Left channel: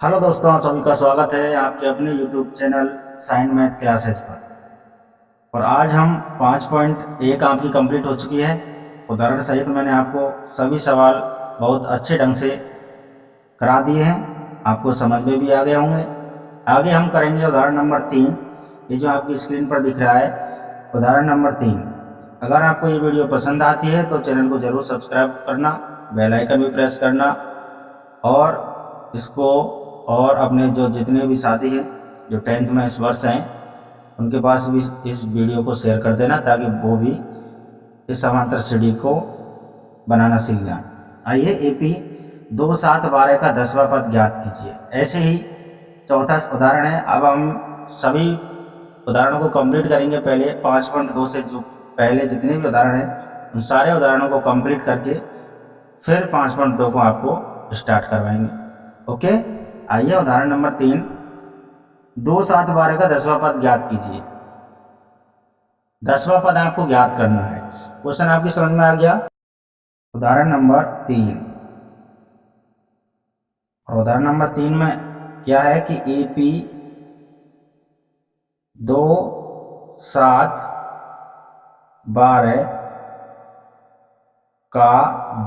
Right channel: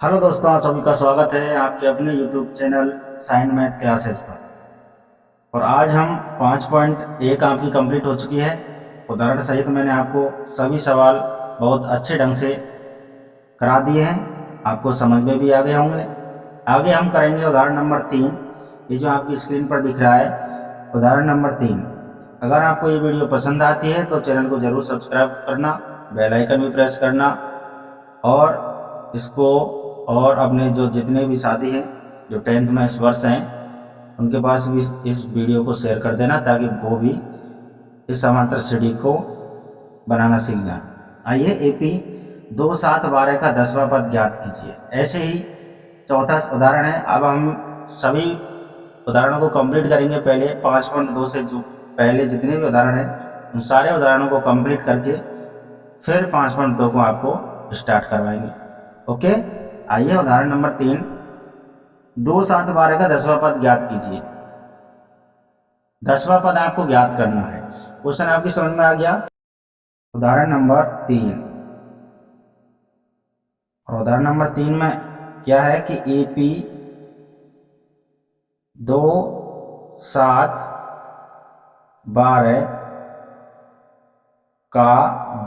Hello दोस्तों, आप सभी का स्वागत है आपके अपने YouTube channel sign math classes पर। और आज हम 5.1 आपकी कंप्लीट हो चुकी है। उदाहरण सहित मैंने आपको सभी सवाल बहुत अच्छे ढंग से करा दिए हैं, आपको समझ में भी आ गए होंगे। आगे हम करेंगे उदाहरण नंबर 3। ये जो आपकी स्क्रीन पर दिख रहा है उदाहरण नंबर 3। अगर आपको ये वीडियो पसंद आती है तो चैनल को ज़रूर सब्सक्राइब करना, बेल आइकन भी प्रेस करना और इसको और अपने जो जितने भी साथी हैं जो 10th में इस वर्ष हैं उनके पास भी इस वीडियो को शेयर कर देना ताकि वो भी इस समांतर श्रेणी को बनाना सीख जाए। आइए एपी 2, 7, 12 का 10वां पद ज्ञात कीजिए। ऐसे ही चौथा उदाहरण है। अब हम सभी उदाहरणों को कंप्लीट करेंगे। पहले 5.2 से जो पहले जितने भी उदाहरण हैं उन सारे उदाहरणों को कंप्लीट करके फिर 5.2 को आपको स्टार्ट करवाएंगे। ओके, आइए उदाहरण नंबर 3। 2, 7, 12 का 10वां पद ज्ञात कीजिए। 10वां पद आपको ज्ञात करना है। क्वेश्चन आपकी समझ में आ गया। उदाहरण नंबर 3 और उदाहरण नंबर 3 में क्या है कि एपी 2, 7, 12 का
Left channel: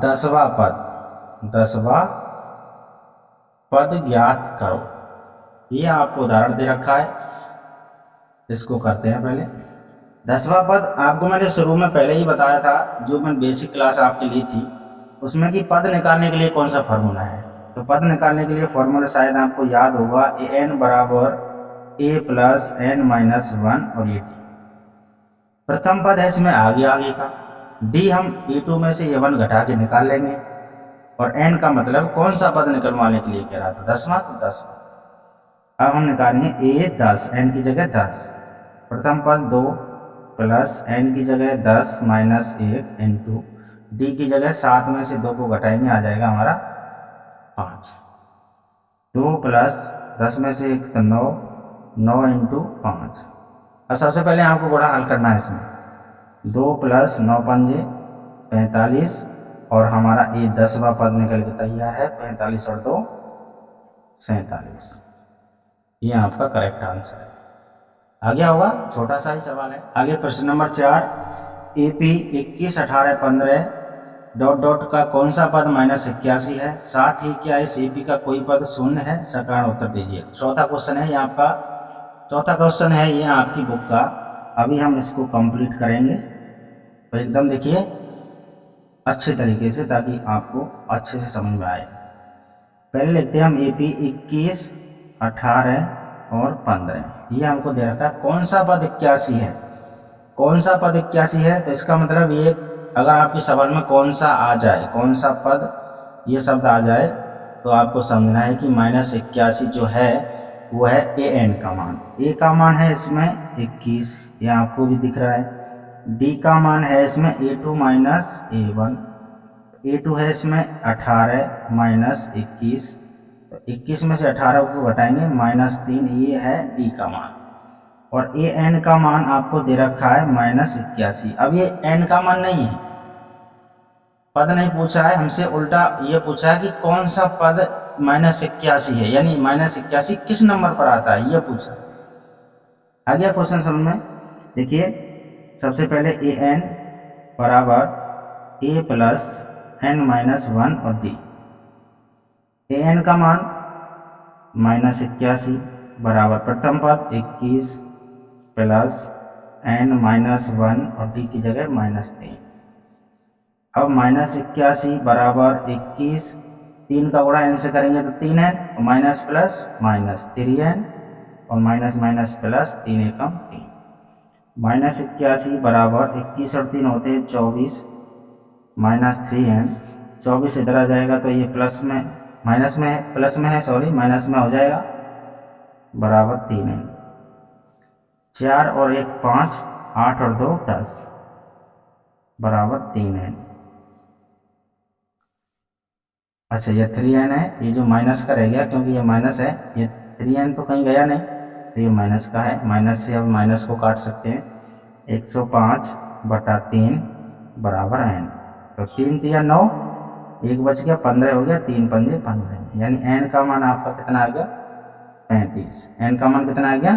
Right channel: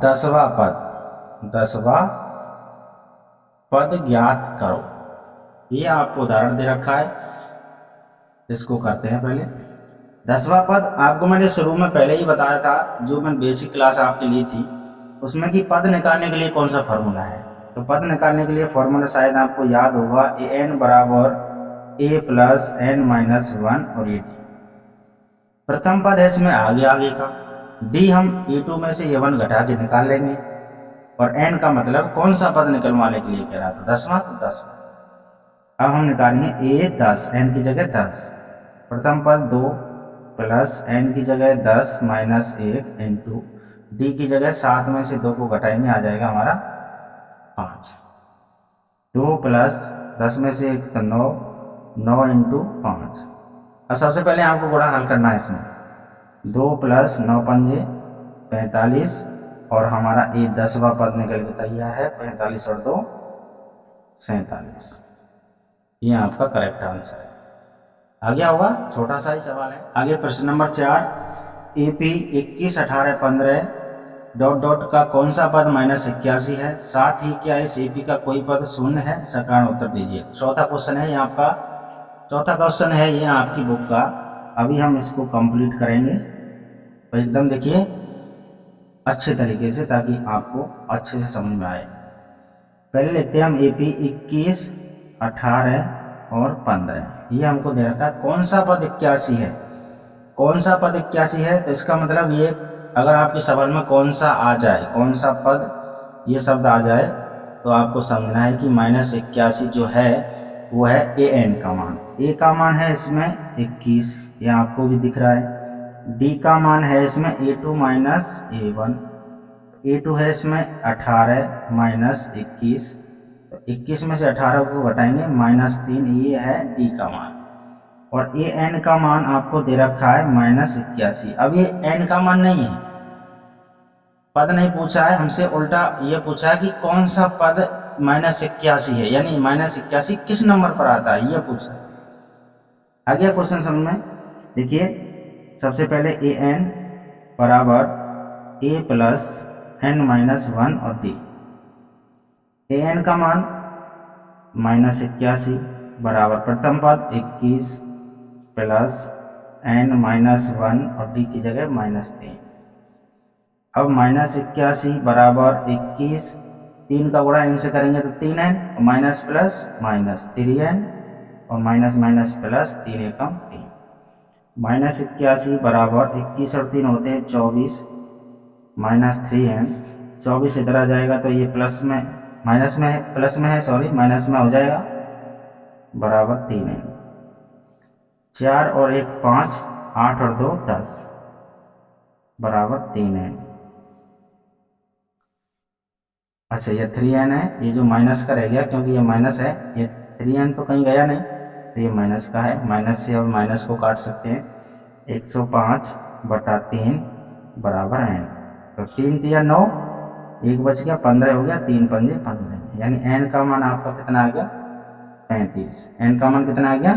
10वां पद ज्ञात करो। ये आपको उदाहरण दे रखा है, इसको करते हैं। पहले 10वां पद आपको मैंने शुरू में पहले ही बताया था, जो मैंने बेसिक क्लास आपके ली थी उसमें कि पद निकालने के लिए कौन सा फार्मूला है। तो पद निकालने के लिए फार्मूला शायद आपको याद होगा, ए एन बराबर ए प्लस एन माइनस 1 और ए डी। प्रथम पद है इसमें आगे का, डी हम e2 में से a1 घटा के निकाल लेंगे और n का मतलब कौन सा पद निकलवाने के लिए कह रहा था, 10वां। तो 10वां अब हम निकालेंगे a 10, n की जगह 10। प्रथम पद 2 प्लस n की जगह 10 माइनस 1 इंटू डी की जगह 7 में से 2 को घटाएंगे, आ जाएगा हमारा 5। 2 प्लस 10 में से 1 तो 9, 9 इंटू 5। अब सबसे पहले आपको गुणा हल करना है इसमें। 2 प्लस 9 पंजे 45 और हमारा ये 10वां पद निकल के तैयार है। 45 और 2 47। ये आपका करेक्ट आंसर है। आ गया होगा, छोटा सा ही सवाल है। आगे प्रश्न नंबर 4। एपी 21, 18, 15 डॉट डॉट का कौन सा पद -81 है। साथ ही क्या इस एपी का कोई पद शून्य है। सकारण उत्तर दीजिए। चौथा क्वेश्चन है ये आपका, चौथा क्वेश्चन है ये आपकी बुक का। अभी हम इसको कंप्लीट करेंगे तो एकदम देखिए अच्छे तरीके से, ताकि आपको अच्छे से समझ में आए। पहले लिखते हैं हम एपी 21, 18 और 15। ये हमको दे रखा है कौन सा पद 81 है। कौन सा पद 81 है तो इसका मतलब ये, अगर आपके सवाल में कौन सा आ जाए, कौन सा पद ये शब्द आ जाए तो आपको समझना है कि -81 जो है वो है ए एन का मान। ए का मान है इसमें 21, ये आपको भी दिख रहा है। डी का मान है इसमें A2 माइनस A1। A2 है इसमें 18 माइनस 21, तो 21 में से 18 को घटाएंगे -3, ये है डी का मान। और ए एन का मान आपको दे रखा है -81। अब ये एन का मान नहीं है, पद नहीं पूछा है हमसे, उल्टा ये पूछा है कि कौन सा पद -81 है, यानी -81 किस नंबर पर आता है, ये पूछा। आ गया क्वेश्चन समझ में। देखिए सबसे पहले ए एन बराबर ए प्लस एन माइनस 1 और डी। ए एन का मान -81 बराबर प्रथम पद 21 प्लस एन माइनस 1 और डी की जगह -3। अब -81 बराबर 21, 3 का गुणा n से करेंगे तो 3n, minus plus minus 3n और माइनस माइनस प्लस 3 एकम 3। -81 बराबर 21 और 3 होते हैं 24 -3n। 24 इधर आ जाएगा तो ये प्लस में माइनस में है, प्लस में है सॉरी, माइनस में हो जाएगा बराबर 3n। 4 और 1 5, 8 और 2 10 बराबर 3n। अच्छा ये 3n है, ये जो माइनस का रह गया क्योंकि ये माइनस है, ये 3n तो कहीं गया नहीं तो ये माइनस का है। माइनस से अब माइनस को काट सकते हैं। 105/3 बराबर n। तो 3 तिया 9, एक बच गया, 15 हो गया, 3 पंजे 15, यानी n का मान आपका कितना आ गया 35। n का मान कितना आ गया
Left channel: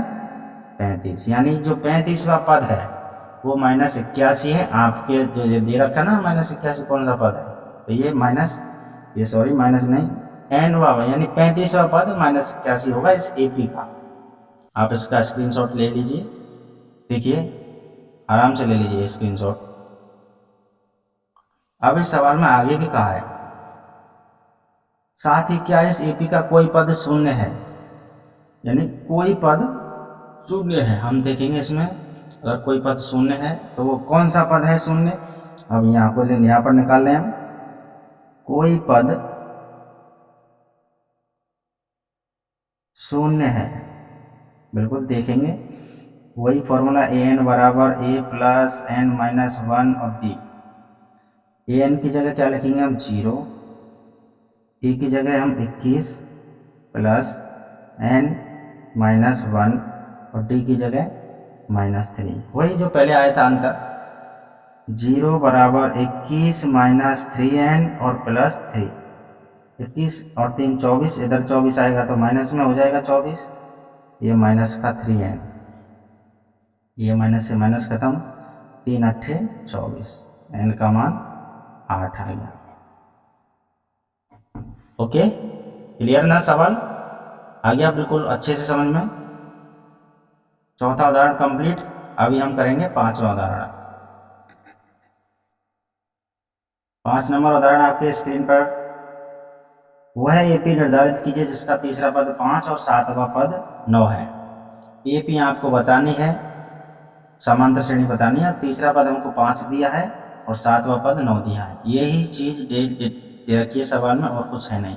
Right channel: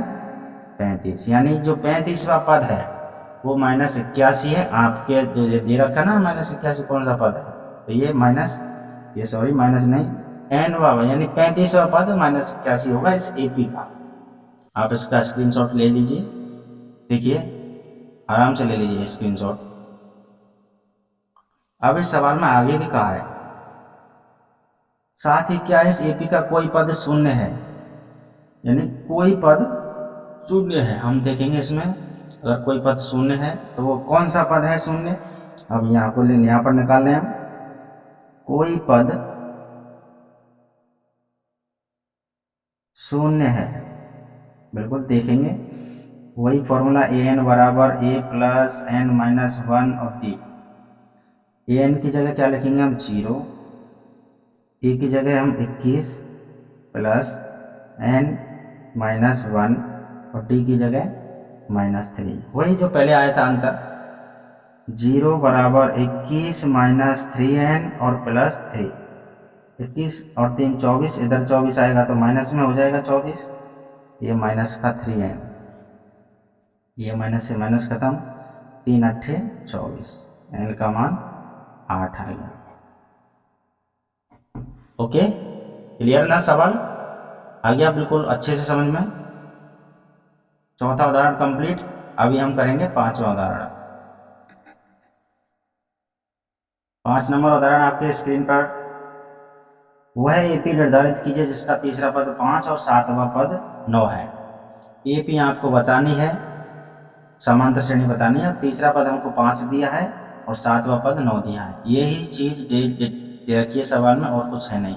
35, यानी जो 35वां पद है वो -81 है। आपके जो ये दे रखा ना -81 कौन सा पद है, तो ये माइनस नहीं, n यानी 35वां पद -81 होगा इस AP का। आप इसका स्क्रीनशॉट ले लीजिए, देखिए आराम से ले लीजिए स्क्रीनशॉट। अब इस सवाल में आगे भी कहा है, साथ ही क्या इस AP का कोई पद शून्य है, यानी कोई पद शून्य है। हम देखेंगे इसमें अगर कोई पद शून्य है तो वो कौन सा पद है शून्य। अब यहाँ पर निकाल दें हम, कोई पद शून्य है, बिल्कुल देखेंगे वही फॉर्मूला an बराबर a प्लस n माइनस 1 और d। an की जगह क्या लिखेंगे हम 0, a की जगह हम 21 प्लस n माइनस 1 और d की जगह -3, वही जो पहले आया था अंतर। 0 बराबर 21 माइनस 3n और प्लस 3, 21 और 3 24, इधर 24 आएगा तो माइनस में हो जाएगा 24, ये माइनस का 3n, ये माइनस से माइनस खत्म, 3 अट्ठे 24, n का मान 8 आ गया। ओके, क्लियर ना सवाल आ गया बिल्कुल अच्छे से समझ में। चौथा उदाहरण कंप्लीट। अभी हम करेंगे 5वां उदाहरण। 5 नंबर उदाहरण आपके स्क्रीन पर, वह AP निर्धारित कीजिए जिसका तीसरा पद 5 और 7वां पद 9 है। AP आपको बतानी है, समांतर श्रेणी बतानी है। तीसरा पद हमको 5 दिया है और 7वां पद 9 दिया है। यही चीज़ दे रखी है सवाल में, और कुछ है नहीं।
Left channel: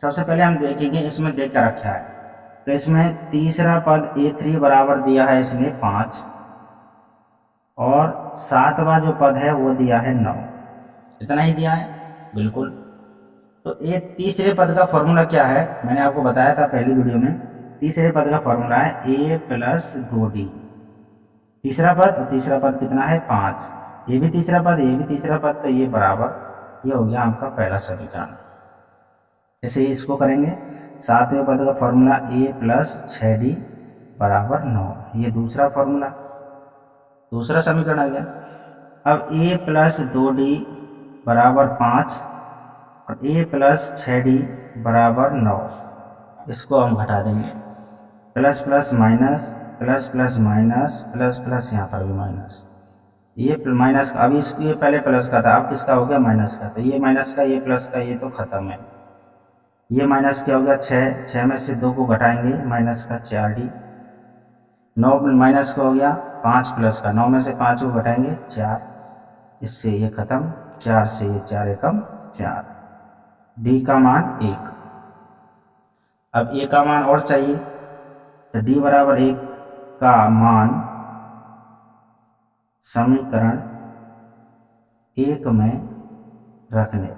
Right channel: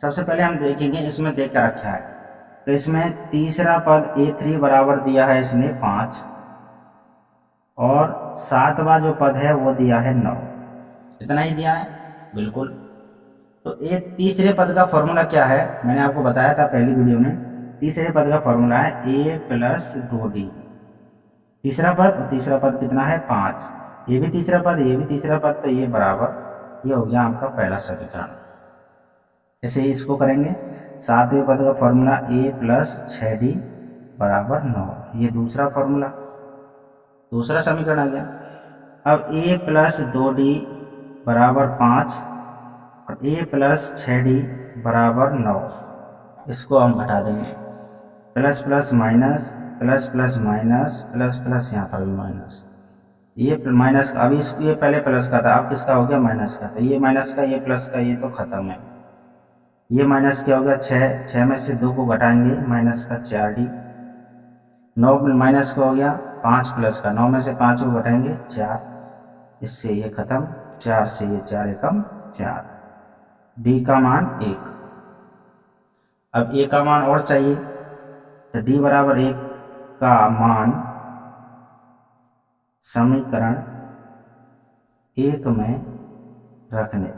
सबसे पहले हम देखेंगे इसमें देख कर रखा है, तो इसमें तीसरा पद A3 बराबर दिया है इसने 5 और 7वां जो पद है वो दिया है 9, इतना ही दिया है बिल्कुल। तो ये तीसरे पद का फॉर्मूला क्या है, मैंने आपको बताया था पहली वीडियो में। तीसरे पद का फॉर्मूला है a प्लस 2d। तीसरा पद और तीसरा पद कितना है 5, ये भी तीसरा पद ये भी तीसरा पद, तो ये बराबर, ये हो गया आपका पहला समीकरण। ऐसे ही इसको करेंगे। 7वें पद का फॉर्मूला a प्लस 6d बराबर 9, ये दूसरा फॉर्मूला, दूसरा समीकरण आ गया। अब a प्लस 2d बराबर 5 और a प्लस 6d बराबर 9, इसको हम घटा देंगे। Plus plus minus, plus plus minus, plus plus, यहाँ पर भी माइनस, ये माइनस का, अभी इसको ये पहले प्लस का था, अब किसका हो गया माइनस का, तो ये माइनस का ये प्लस का, ये तो खत्म है। ये माइनस क्या हो गया 6, 6 में से 2 को घटाएंगे माइनस का 4d। 9 माइनस का हो गया 5 प्लस का, 9 में से 5 को घटाएंगे 4, इससे ये खत्म, 4 से ये 4 एकम 4, d का मान 1। अब a का मान और चाहिए, तो d बराबर 1 का मान समीकरण 1 में रखने,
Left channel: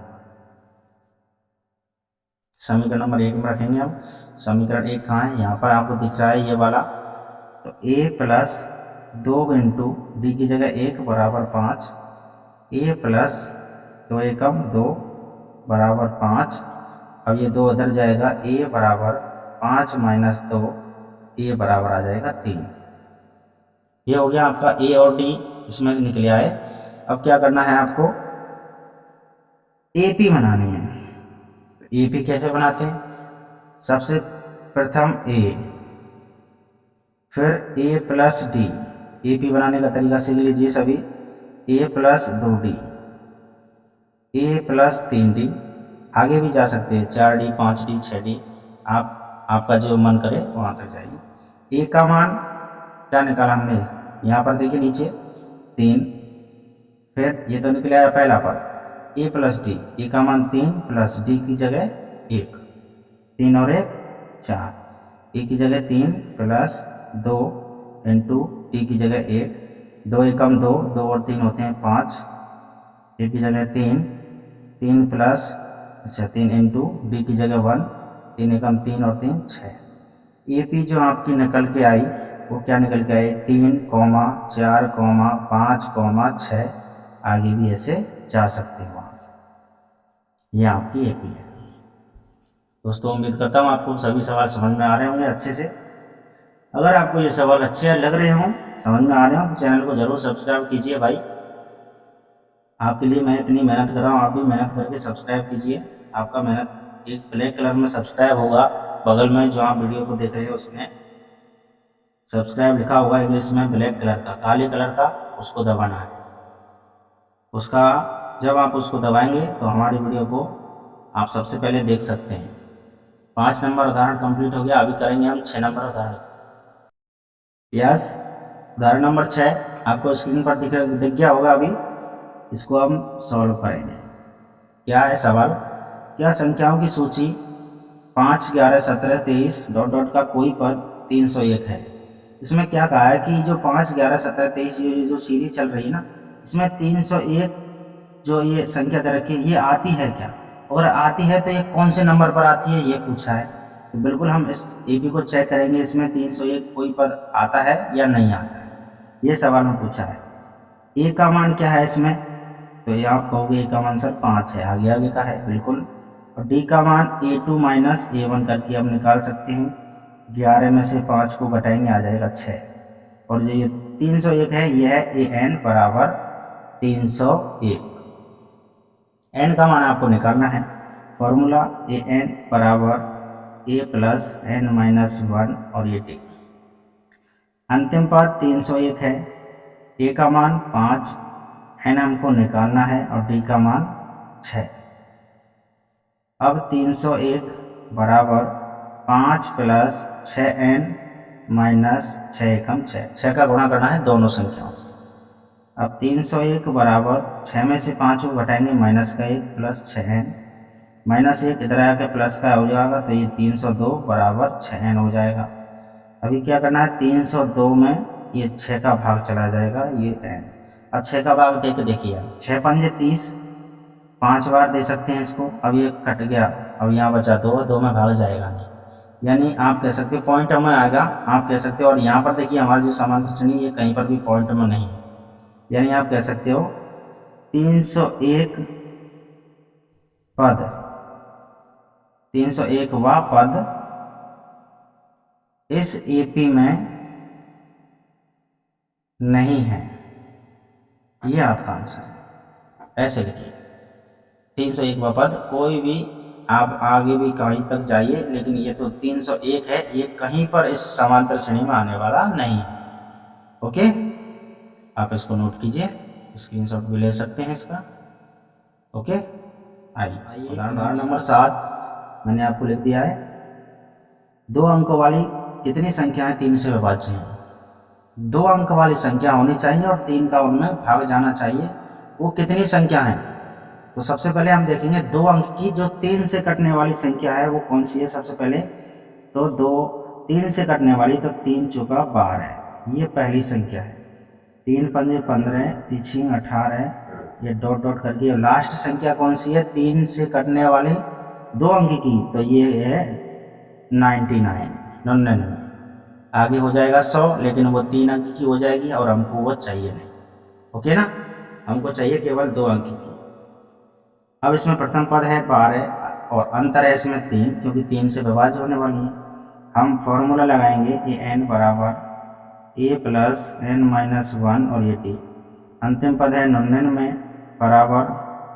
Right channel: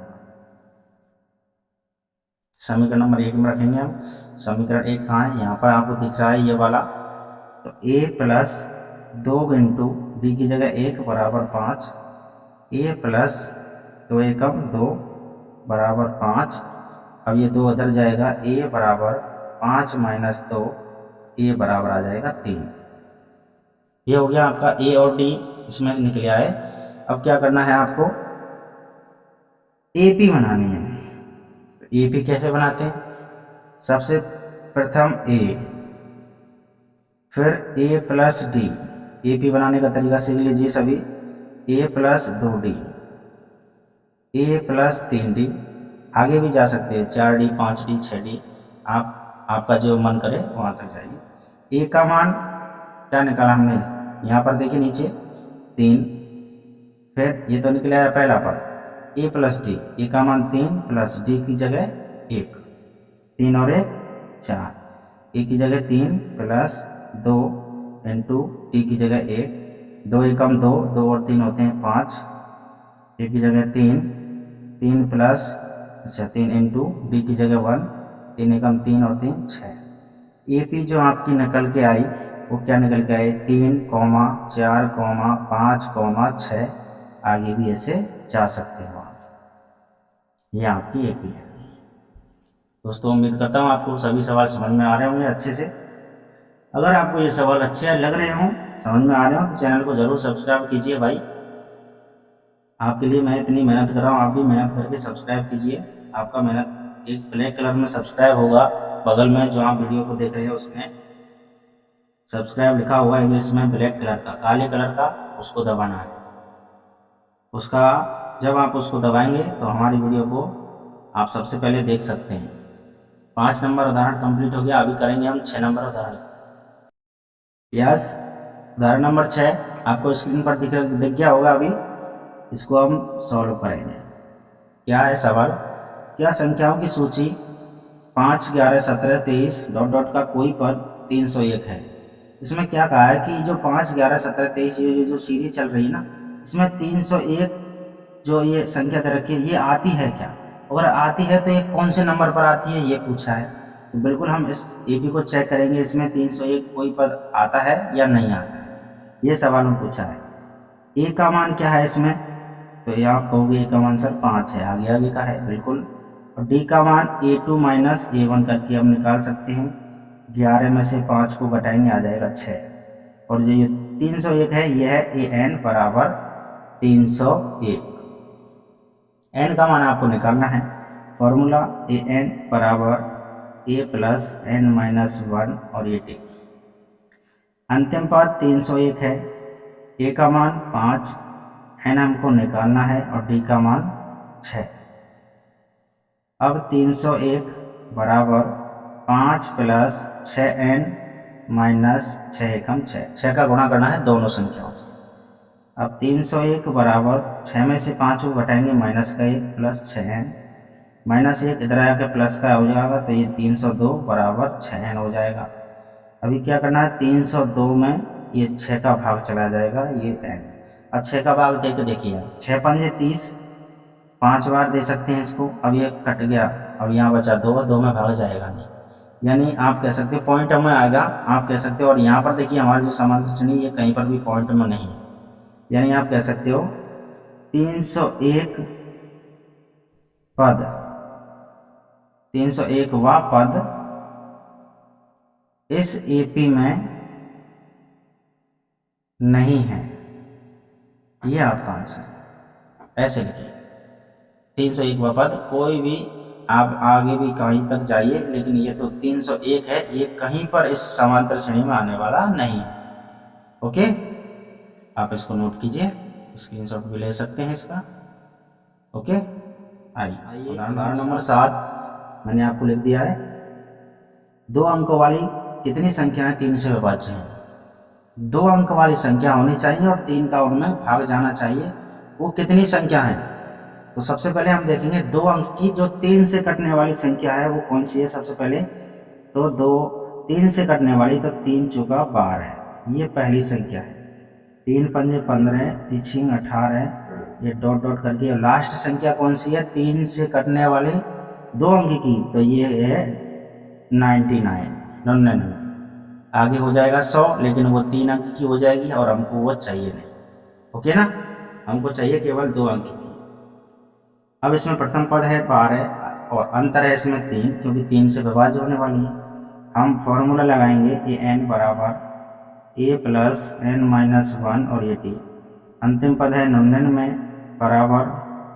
समीकरण नंबर 1 में रखेंगे हम। समीकरण 1 कहाँ है, यहाँ पर आपको दिख रहा है ये वाला। तो a प्लस 2 इंटू डी की जगह 1 बराबर 5, a प्लस 2 एकम 2 बराबर 5। अब ये 2 इधर जाएगा, a बराबर 5 माइनस 2, a बराबर आ जाएगा 3। ये हो गया आपका a और d इसमें से निकल आए। अब क्या करना है आपको, AP बनानी है। तो AP कैसे बनाते हैं, सबसे प्रथम a, फिर a प्लस d। AP बनाने का तरीका सीख लीजिए सभी। a plus 2d, a plus 3d, आगे भी जा सकते हैं 4d 5d 6d, आपका जो मन करे वहाँ तक जाइए। a का मान क्या निकाला हमने, यहाँ पर देखिए नीचे 3, फिर ये तो निकल आया पहला पद a प्लस d, a का मान 3 प्लस d की जगह 1, 3 और 1 4, a की जगह 3 प्लस 2 इंटू d की जगह 1, 2 एकम 2, 2 और 3 होते हैं 5, a की जगह 3, 3 प्लस 3 इंटू डी की जगह 1, 3 एकम 3 और 3 6। AP जो आपकी निकल के आई वो क्या निकल के आई, 3, 4, 5, 6, आगे भी ऐसे जा सकते हो आप। ये आपकी एपी है। दोस्तों उम्मीद करता हूँ आपको सभी सवाल समझ में आ रहे होंगे अच्छे से। अगर आपको ये सवाल अच्छे लग रहे हों, समझ में आ रहे हों, तो चैनल को ज़रूर सब्सक्राइब कीजिए भाई। आपके लिए मैं इतनी मेहनत कर रहा हूँ, आप भी मेहनत करके सब्सक्राइब कीजिए। आपका मेहनत एक ब्लैक कलर में सब्सक्राइब होगा, बगल में जो आप वीडियो को देख रहे हैं उसमें सब्सक्राइब लिखा हुआ इंग्लिश में ब्लैक कलर का, काले कलर का, उसको दबाना है। उसका जब आप उसको दबाएंगे तो हमारी वीडियो को आप सबसे पहले देख सकते हैं। 5 नंबर उदाहरण कंप्लीट हो गया, अभी करेंगे हम 6 नंबर उदाहरण। यस, उदाहरण नंबर 6 आपको स्क्रीन पर दिख गया होगा अभी। इसको हम सॉल्व करेंगे। क्या है सवाल? क्या संख्याओं की सूची 5, 11, 17, 23 डॉट डॉट का कोई पद 301 है। इसमें क्या कहा है कि जो 5, 11, 17, 23 ये जो सीरीज चल रही है ना, इसमें 301 जो ये संख्या दे रखी है ये आती है क्या? अगर आती है तो ये कौन से नंबर पर आती है ये पूछा है। तो बिल्कुल हम इस एपी को चेक करेंगे, इसमें 301 कोई पद आता है या नहीं आता है, ये सवाल में पूछा है। ए का मान क्या है इसमें? तो ये आप कहोगे ए का मान सर 5 है, आगे आगे का है बिल्कुल। और डी का मान A2 माइनस A1 करके हम निकाल सकते हैं। 11 में से 5 को घटाएंगे आ जाएगा 6। और जो ये 301 है ये है AN बराबर 301। n का मान आपको निकालना है। फॉर्मूला AN बराबर A प्लस n माइनस 1 और ये टी। अंतिम पद 301 है, A का मान 5, n हमको निकालना है और D का मान 6। अब 301 बराबर 5 प्लस 6n माइनस 6 एकम 6 का गुणा करना है दोनों संख्याओं से। अब 301 बराबर 6 में से 5 को घटाएंगे माइनस का 1 प्लस 6n माइनस 1 इधर आके प्लस का हो जाएगा, तो ये 302 बराबर 6n हो जाएगा। अभी क्या करना है, 302 में ये 6 का भाग चला जाएगा, ये n। अब 6 का भाग दे के देखिए, 6 पंजे 30, 5 बार दे सकते हैं इसको। अब ये कट गया, अब यहाँ बचा 2 में भाग जाएगा नहीं, यानी आप कह सकते हो पॉइंट में आएगा, आप कह सकते हो। और यहाँ पर देखिए हमारी जो समांतर श्रेणी ये कहीं पर भी पॉइंट में नहीं, यानी आप कह सकते हो 301 पद, 301वां पद इस एपी में नहीं है, ये आपका आंसर है। ऐसे लिखिए 301वां पद, कोई भी आप आगे भी कहीं तक जाइए, लेकिन ये तो 301 है, ये कहीं पर इस समांतर श्रेणी में आने वाला नहीं है। ओके, आप इसको नोट कीजिए, स्क्रीनशॉट भी ले सकते हैं इसका। ओके, आइए उदाहरण नंबर 7 मैंने आपको लिख दिया है। 2 अंकों वाली कितनी संख्याएं 3 से विभाज्य हैं? 2 अंक वाली संख्या होनी चाहिए और 3 का उनमें भाग जाना चाहिए। वो कितनी संख्या है? तो सबसे पहले हम देखेंगे 2 अंक की जो 3 से कटने वाली संख्या है वो कौन सी है। सबसे पहले तो 3 से कटने वाली, तो 3 चौका 12 है, ये पहली संख्या है। 3 पंजे 15, 3 18, ये डॉट डॉट करके। लास्ट संख्या कौन सी है 3 से कटने वाली 2 अंक की? तो ये है 99। आगे हो जाएगा 100, लेकिन वो 3 अंक की हो जाएगी और हमको वो चाहिए नहीं। ओके ना, हमको चाहिए केवल 2 अंक की। अब इसमें प्रथम पद है 12 और अंतर है इसमें 3, क्योंकि 3 से विभाज्य होने वाली है। हम फॉर्मूला लगाएंगे AN बराबर A प्लस n माइनस 1 और ये टी। अंतिम पद है 99 बराबर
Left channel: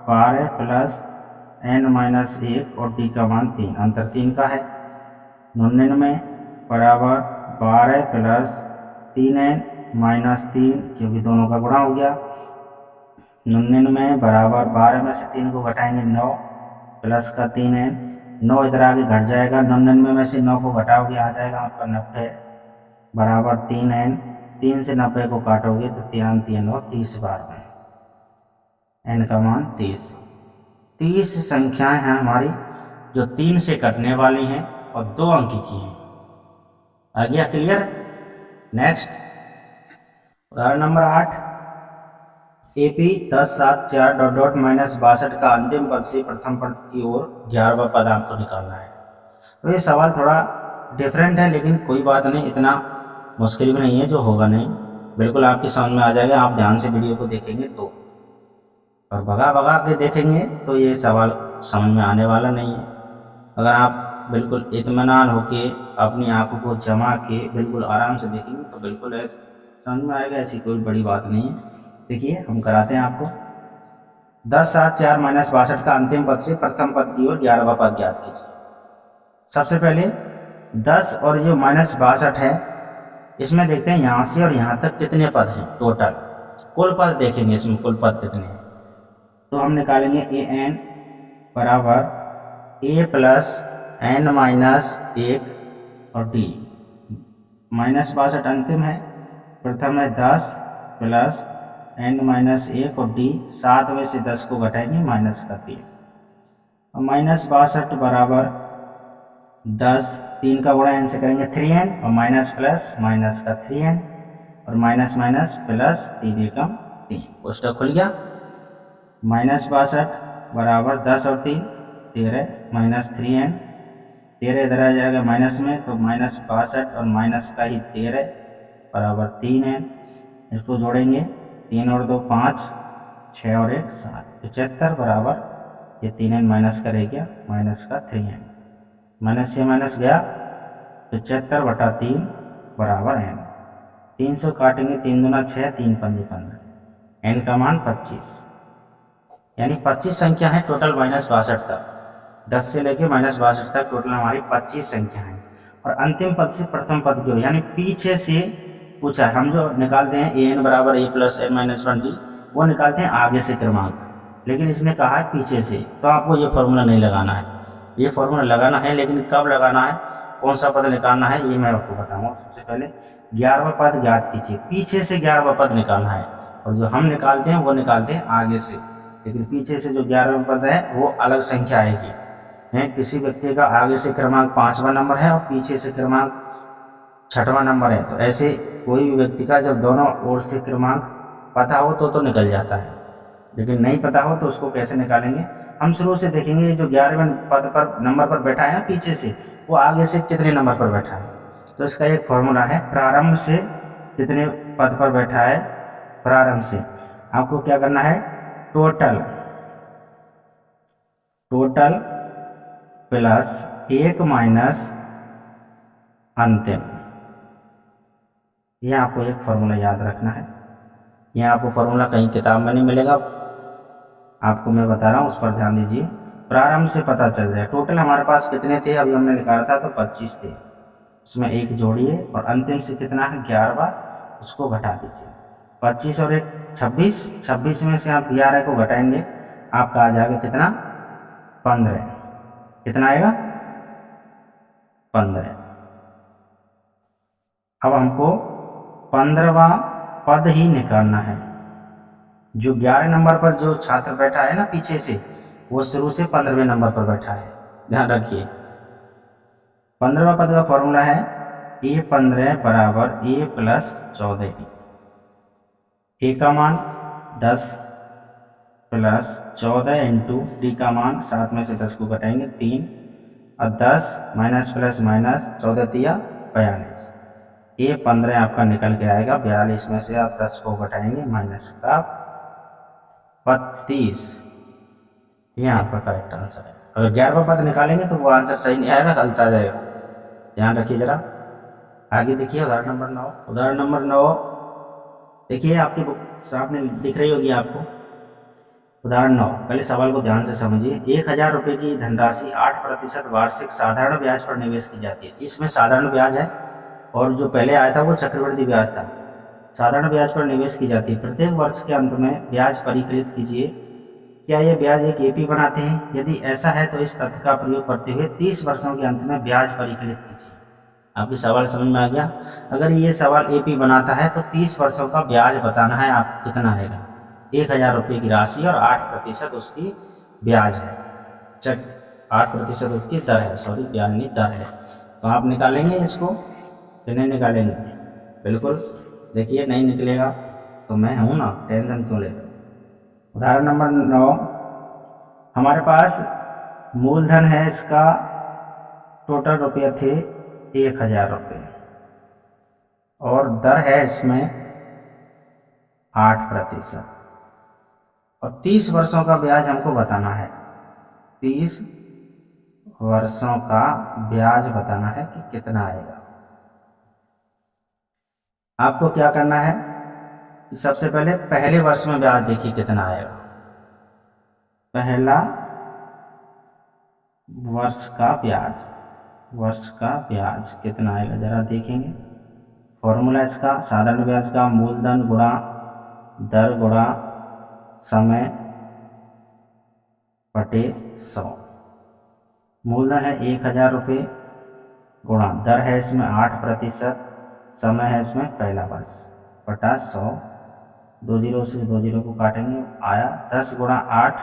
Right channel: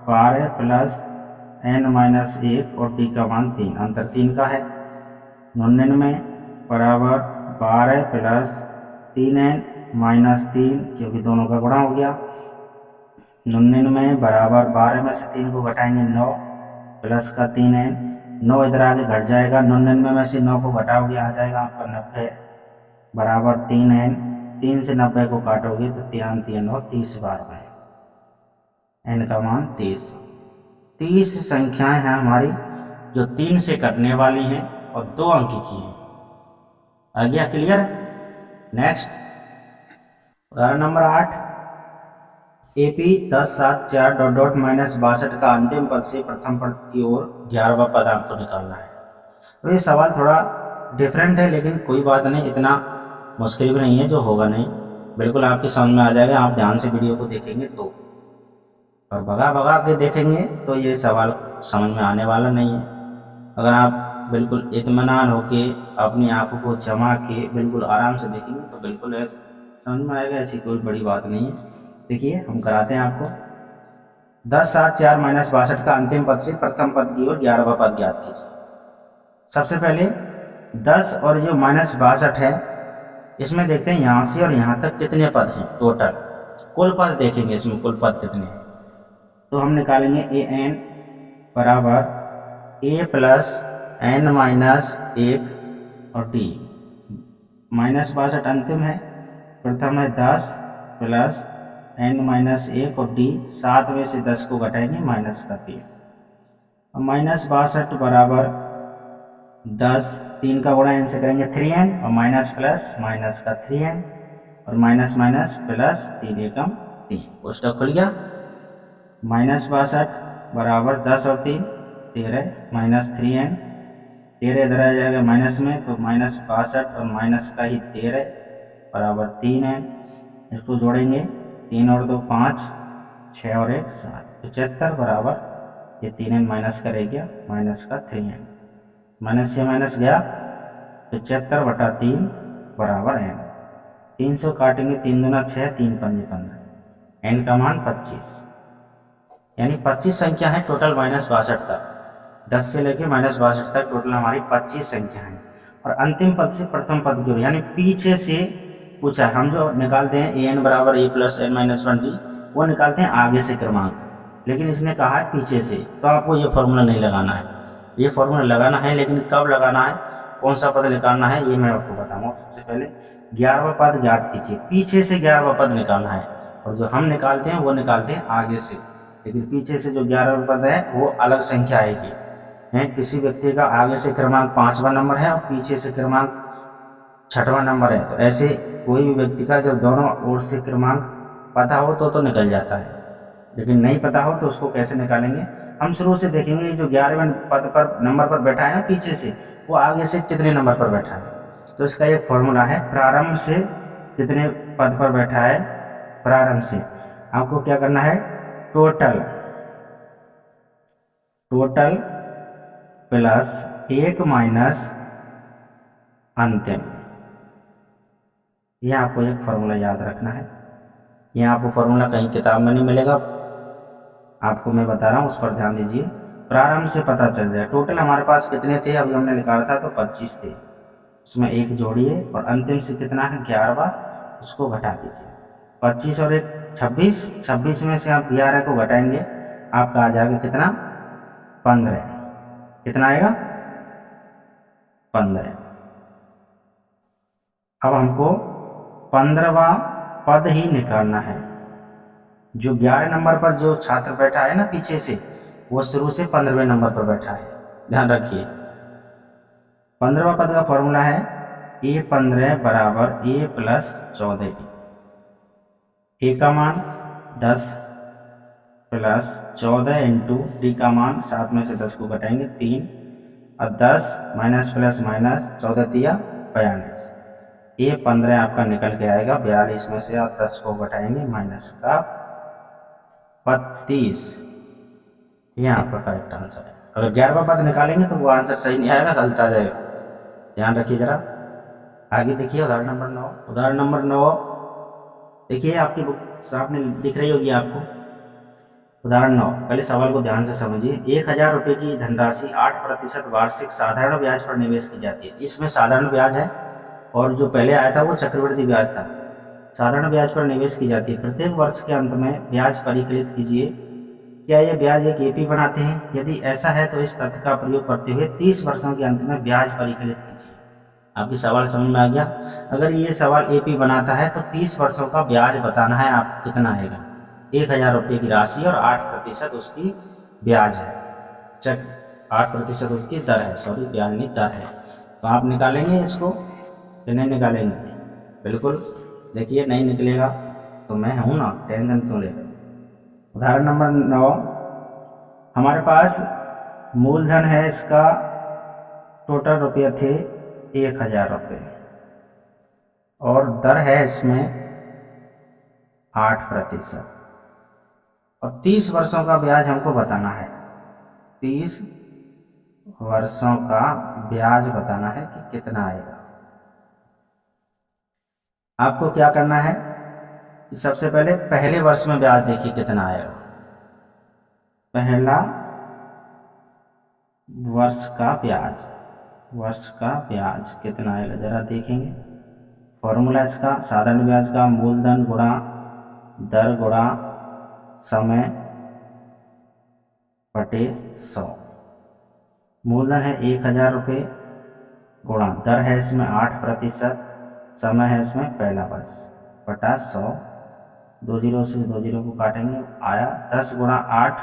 12 प्लस n माइनस 1 और टी का मान 3, अंतर 3 का है। 99 बराबर 12 प्लस 3n माइनस 3, क्योंकि दोनों का गुणा हो गया। 99 बराबर 12 में से 3 को घटाएंगे 9 प्लस का 3n, 9 इधर आगे घट जाएगा। 99 में से 9 को घटाओगे आ जाएगा आपका 90 बराबर 3n। 3 से 90 को काटोगे तो 3 3 और 30 बार में, n का मान 30। 30 संख्याएं हैं हमारी जो 3 से कटने वाली हैं और 2 अंक की हैं। आ गया क्लियर? नेक्स्ट उदाहरण number 8। AP 10, 7, 4 dot dot minus 62 का अंतिम पद से प्रथम पद की ओर 11वां पद आपको निकालना है। तो ये सवाल थोड़ा डिफरेंट है, लेकिन कोई बात नहीं, इतना मुश्किल भी नहीं है जो होगा नहीं, बिल्कुल आपकी समझ में आ जाएगा, आप ध्यान से वीडियो को देखेंगे तो। और भगा भगा के देखेंगे तो ये सवाल समझ में आने वाला नहीं है। अगर आप बिल्कुल इत्मीनान होके अपनी आंखों को जमा के बिल्कुल आराम से देखेंगे तो बिल्कुल समझ में आएगा, ऐसी कोई बड़ी बात नहीं है। देखिए हम कराते हैं आपको। 10 7 4 -62 का अंतिम पद से प्रथम पद की ओर 11वां पद ज्ञात कीजिए। सबसे पहले 10 और जो -62 है इसमें देखते हैं यहाँ से और यहाँ तक कितने पद हैं टोटल। कुल पद देखेंगे इसमें कुल पद कितने हैं, तो हम निकालेंगे ए एन बराबर ए प्लस एन माइनस 1 और डी। -62 अंतिम है, प्रथम है 10 प्लस एन माइनस 1 और डी, 7 में से 10 को घटाएंगे माइनस का 3। और -62 बराबर 10, 3 का गुणा एन से करेंगे 3n और माइनस प्लस माइनस का 3n और माइनस माइनस प्लस 3 एकम 3, कोष्टक खुल गया। -62 बराबर 10 और 3 13 माइनस 3n, 13 इधर आ जाएगा माइनस में तो -62 और माइनस का ही 13 बराबर 3n। इसको जोड़ेंगे 3 और 2 5, 6 और 1 7, 75 बराबर ये 3n माइनस का रह गया माइनस का 3n, माइनस से माइनस गया 75/3 बराबर n। 300 काटेंगे 3 दूना 6, 3 पंजे 15, n का मान 25, यानी 25 संख्या है टोटल -62 तक। 10 से लेके -62 तक टोटल हमारी 25 संख्या है। और अंतिम पद से प्रथम पद की ओर यानी पीछे से पूछा है। हम जो निकालते हैं ए एन बराबर ए प्लस एन माइनस 1 डी, वो निकालते हैं आगे से क्रमांक, लेकिन इसने कहा है पीछे से, तो आपको ये फॉर्मूला नहीं लगाना है। ये फॉर्मूला लगाना है, लेकिन कब लगाना है, कौन सा पद निकालना है ये मैं आपको बताऊंगा। सबसे पहले 11वां पद ज्ञात कीजिए, पीछे से 11वां पद निकालना है। और जो हम निकालते हैं वो निकालते हैं आगे से, लेकिन पीछे से जो 11वां पद है वो अलग संख्या आएगी। किसी व्यक्ति का आगे से क्रमांक 5वां नंबर है और पीछे से क्रमांक 6वां नंबर है, तो ऐसे कोई भी व्यक्ति का जब दोनों ओर से क्रमांक पता हो तो निकल जाता है, लेकिन नहीं पता हो तो उसको कैसे निकालेंगे। हम शुरू से देखेंगे जो 11वें पद पर नंबर पर बैठा है ना पीछे से, वो आगे से कितने नंबर पर बैठा है। तो इसका एक फॉर्मूला है, प्रारंभ से कितने पद पर बैठा है, प्रारंभ से आपको क्या करना है, टोटल प्लस 1 माइनस अंतिम। यह आपको एक फॉर्मूला याद रखना है। यह आपको फॉर्मूला कहीं किताब में नहीं मिलेगा, आपको मैं बता रहा हूँ, उस पर ध्यान दीजिए। प्रारंभ से पता चल जाए टोटल हमारे पास कितने थे, अभी हमने निकाला था तो 25 थे, उसमें 1 जोड़िए और अंतिम से कितना है 11वां, उसको घटा दीजिए। 25 और 1 26, 26 में से आप 11 को घटाएंगे आपका आ जाएगा कितना 15। कितना आएगा 15। अब हमको 15वां पद ही निकालना है। जो 11 नंबर पर जो छात्र बैठा है ना पीछे से, वो शुरू से 15वें नंबर पर बैठा है, ध्यान रखिए। 15वां पद का फॉर्मूला है A15 बराबर A प्लस 14D। ए का मान 10 प्लस 14 इंटू डी का मान 7 में से 10 को घटाएंगे 3 और 10 माइनस प्लस माइनस 14 तिया 42। A15 आपका निकल के आएगा 42 में से आप 10 को घटाएंगे माइनस का 32। ये आपका करेक्ट आंसर है। अगर 11वां पद निकालेंगे तो वो आंसर सही नहीं आएगा, गलत आ जाएगा, ध्यान रखिए जरा। आगे देखिए उदाहरण नंबर 9। उदाहरण नंबर 9 देखिए, आपकी बुक सामने दिख रही होगी आपको। उदाहरण 9, पहले सवाल को ध्यान से समझिए। 1000 रुपये की धनराशि 8% वार्षिक साधारण ब्याज पर निवेश की जाती है। इसमें साधारण ब्याज है और जो पहले आया था वो चक्रवृद्धि ब्याज था। साधारण ब्याज पर निवेश की जाती है। प्रत्येक वर्ष के अंत में ब्याज परिकलित कीजिए। क्या यह ब्याज एक एपी बनाते हैं? यदि ऐसा है तो इस तथ्य का प्रयोग करते हुए 30 वर्षों के अंत में ब्याज परिकलित कीजिए। आपकी सवाल समझ में आ गया? अगर ये सवाल एपी बनाता है तो 30 वर्षों का ब्याज बताना है आपको कितना आएगा। 1000 रुपये की राशि और 8% उसकी ब्याज है। 8% उसकी दर है, सॉरी ब्याज नहीं दर है। तो आप निकालेंगे इसको कि नहीं निकालेंगे? बिल्कुल, देखिए नहीं निकलेगा तो मैं हूँ ना, टेंशन क्यों लेगा। उदाहरण नंबर 9, हमारे पास मूलधन है इसका, टोटल रुपये थे 1000 रुपये और दर है इसमें 8%। और 30 वर्षों का ब्याज हमको बताना है। 30 वर्षों का ब्याज बताना है कि कितना आएगा। आपको क्या करना है कि सबसे पहले पहले वर्ष में ब्याज देखिए कितना आएगा। पहला वर्ष का ब्याज कितना आएगा जरा देखेंगे। फॉर्मूला इसका साधारण ब्याज का मूलधन गुणा दर गुणा समय बटे 100। मूलधन है 1000 रुपये गुणा दर है इसमें 8%, समय है इसमें पहला वर्ष बटा 100। 2 जीरो से 2 जीरो को काटेंगे आया 10 गुणा 8,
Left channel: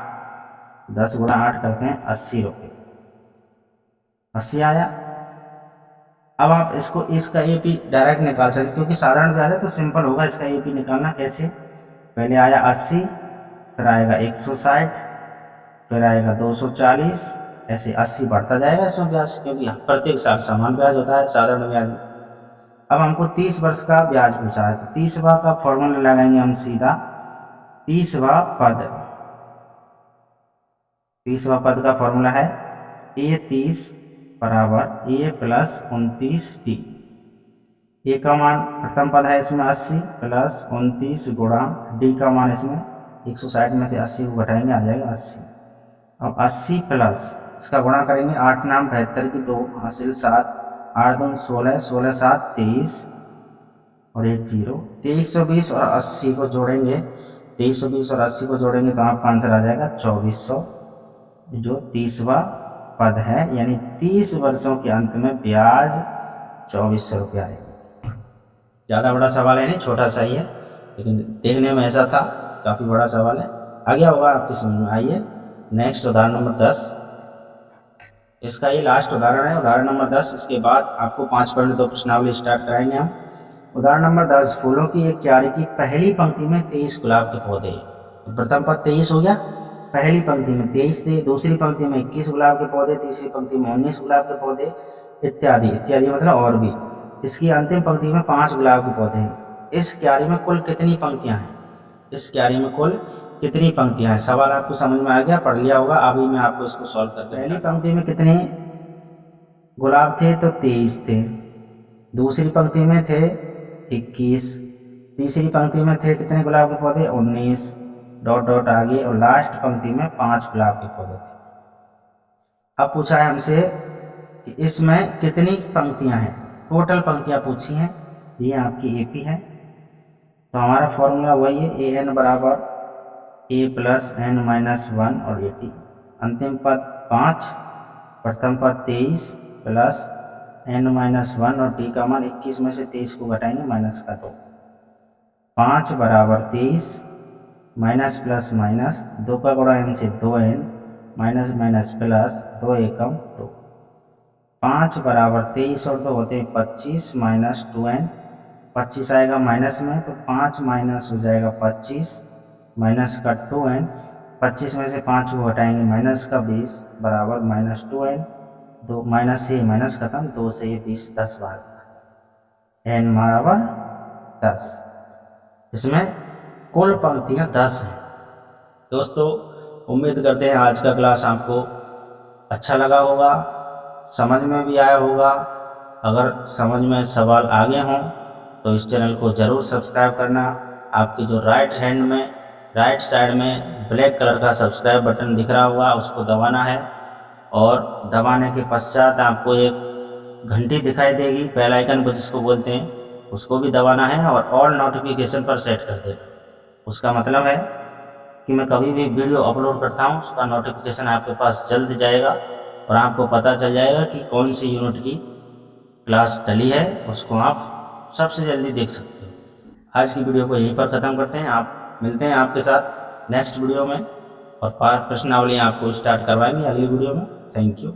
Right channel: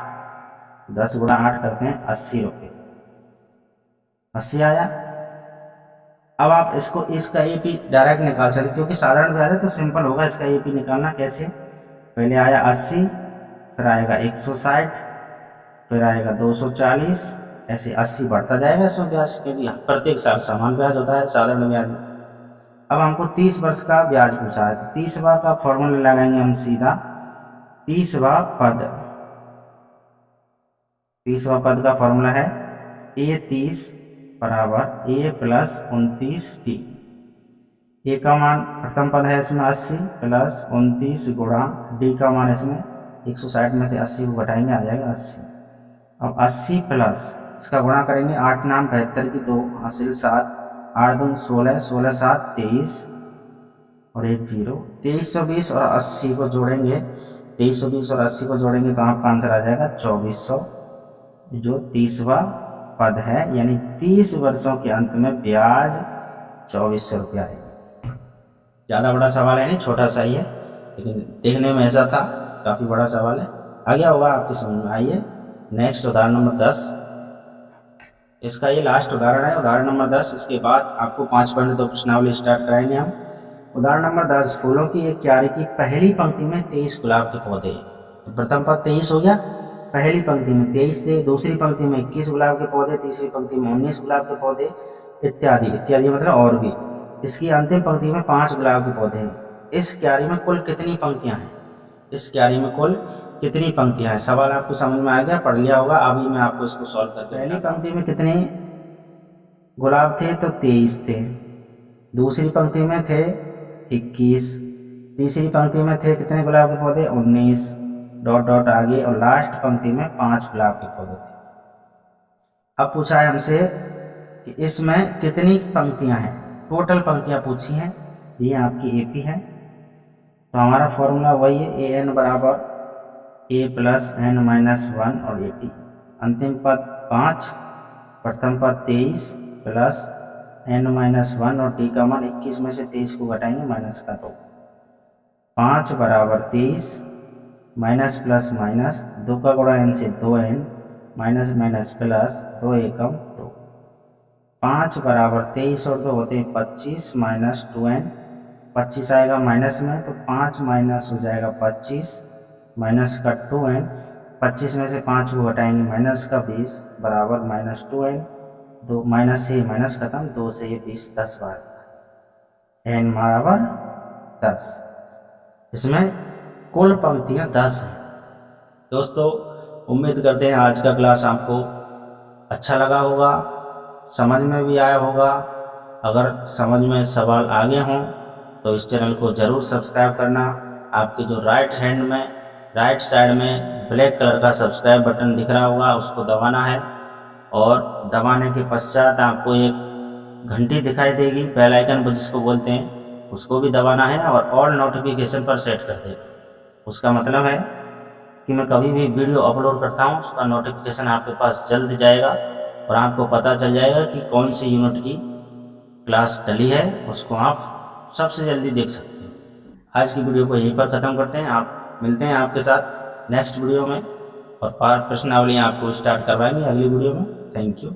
10 गुणा 8 करते हैं 80 रुपये, 80 आया। अब आप इसका एपी डायरेक्ट निकाल सकते क्योंकि साधारण ब्याज है तो सिंपल होगा इसका एपी निकालना। कैसे? पहले आया 80, फिर आएगा 160, फिर आएगा 240, ऐसे 80 बढ़ता जाएगा इसमें ब्याज, क्योंकि प्रत्येक साल समान ब्याज होता है साधारण ब्याज में। अब हमको 30 वर्ष का ब्याज पूछा है तो 30वां का फॉर्मूला लगाएंगे हम सीधा। 30वां पद का फॉर्मूला है A30 बराबर A प्लस 29D। ए का मान प्रथम पद है इसमें 80 प्लस 29 गुणा डी का मान इसमें 160 में से 80 को घटाएंगे आ जाएगा 80। अब 80 प्लस इसका गुणा करेंगे 8 नाम 72 की 2 हासिल 7, 8 दूनी 16, 16 7 23 और 1 0। 2320 और 80 को जोड़ेंगे, 2320 और 80 को जोड़ेंगे तो आपका आंसर आ जाएगा 2400, जो 30वां पद है। यानी 30 वर्षों के अंत में ब्याज 2400 रुपया आएगा। ज़्यादा बड़ा सवाल है नहीं, छोटा सा ही है, लेकिन देखने में ऐसा था, काफ़ी बड़ा सवाल है। आ गया होगा आपकी समझ में। आइए नेक्स्ट उदाहरण नंबर 10। इसका ये लास्ट उदाहरण है, उदाहरण नंबर 10। इसके बाद आपको 5 पॉइंट 2 प्रश्नावली स्टार्ट कराएंगे हम। उदाहरण नंबर 10, फूलों की एक क्यारी की पहली पंक्ति में 23 गुलाब के पौधे। तो प्रथम पद 23 हो गया, पहली पंक्ति में 23 थे, दूसरी पंक्ति में 21 गुलाब के पौधे, तीसरी पंक्ति में 19 गुलाब के पौधे, इत्यादि इत्यादि, मतलब और भी। इसकी अंतिम पंक्ति में 5 गुलाब के पौधे हैं। इस क्यारी में कुल कितनी पंक्तियां हैं? इस क्यारी में कुल कितनी पंक्तियां हैं? सवाल आपको समझ में आ गया, पढ़ लिया होगा। अभी मैं आपको इसको सॉल्व करके, पहली पंक्ति में कितने गुलाब थे? तो 23 थे। दूसरी पंक्ति में थे 21, तीसरी पंक्ति में थे कितने गुलाब के पौधे? 19 डॉट डॉट आगे, और लास्ट पंक्ति में 5 गुलाब के पौधे थे। अब पूछा है हमसे कि इसमें कितनी पंक्तियां हैं, टोटल पंक्तियां पूछी हैं। ये आपकी एपी है, तो हमारा फॉर्मूला वही है, ए एन बराबर ए प्लस एन माइनस 1 और 80। अंतिम पद 5, प्रथम पद 23 प्लस एन माइनस 1 और टी का मान 21 में से 23 को घटाएंगे माइनस का 2। 5 बराबर 23 माइनस प्लस माइनस 2 का गुणा एन से 2n माइनस माइनस प्लस 2 एकम 2। 5 बराबर 23 और 2 होते हैं 25 माइनस 2n, 25 आएगा माइनस में तो 5 माइनस हो जाएगा 25 माइनस का 2n, 25 में से 5 को घटाएंगे माइनस का 20 बराबर माइनस 2n, 2 माइनस से माइनस खत्म, 2 से ये 20 10 बार n बराबर 10। इसमें कुल पंक्तियां 10 हैं। दोस्तों उम्मीद करते हैं आज का क्लास आपको अच्छा लगा होगा, समझ में भी आया होगा। अगर समझ में सवाल आगे हों तो इस चैनल को ज़रूर सब्सक्राइब करना। आपकी जो राइट साइड में ब्लैक कलर का सब्सक्राइब बटन दिख रहा होगा, उसको दबाना है, और दबाने के पश्चात आपको एक घंटी दिखाई देगी, बेल आइकन जिसको बोलते हैं, उसको भी दबाना है, और ऑल नोटिफिकेशन पर सेट कर देना। उसका मतलब है कि मैं कभी भी वीडियो अपलोड करता हूँ उसका नोटिफिकेशन आपके पास जल्द जाएगा, और आपको पता चल जाएगा कि कौन सी यूनिट की क्लास डली है, उसको आप सबसे जल्दी देख सकते हैं। आज की वीडियो को यहीं पर ख़त्म करते हैं। आप मिलते हैं आपके साथ नेक्स्ट वीडियो में, और प्रश्नावली आपको स्टार्ट करवाएंगे अगली वीडियो में। Thank you.